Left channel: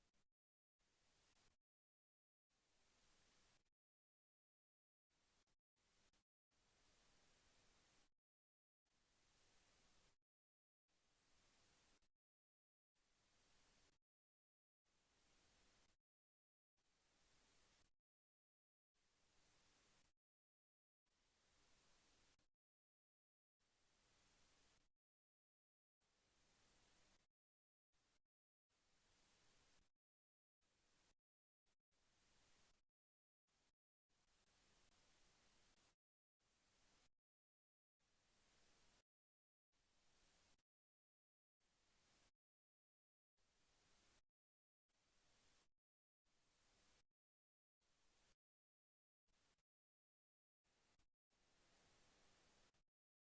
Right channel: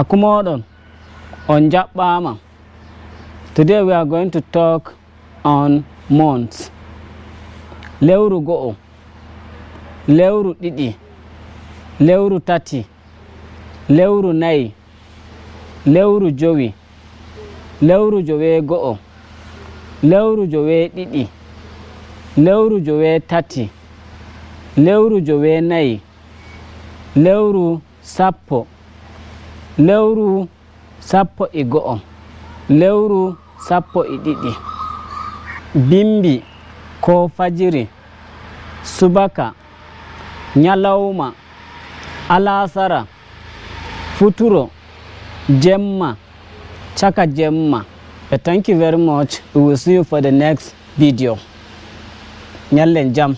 Akumodon on Japama. Today we are going to talk on months. Lewru go'o, lewru ɗiɗi, lewru tati, lewru nayi, lewru jowi, lewru jowe go'o, lewru jowe ɗiɗi, lewru jowe tati, lewru jowe nayi, lewru sappo, lewru sappo e go'o, lewru sappo e ɗiɗi. Bimbi ko fajiri, subaka, nyalawma, alasara, futuro, jemma, chaka jemma. Thank you very much. We will see you for the next video. Nyallen jam.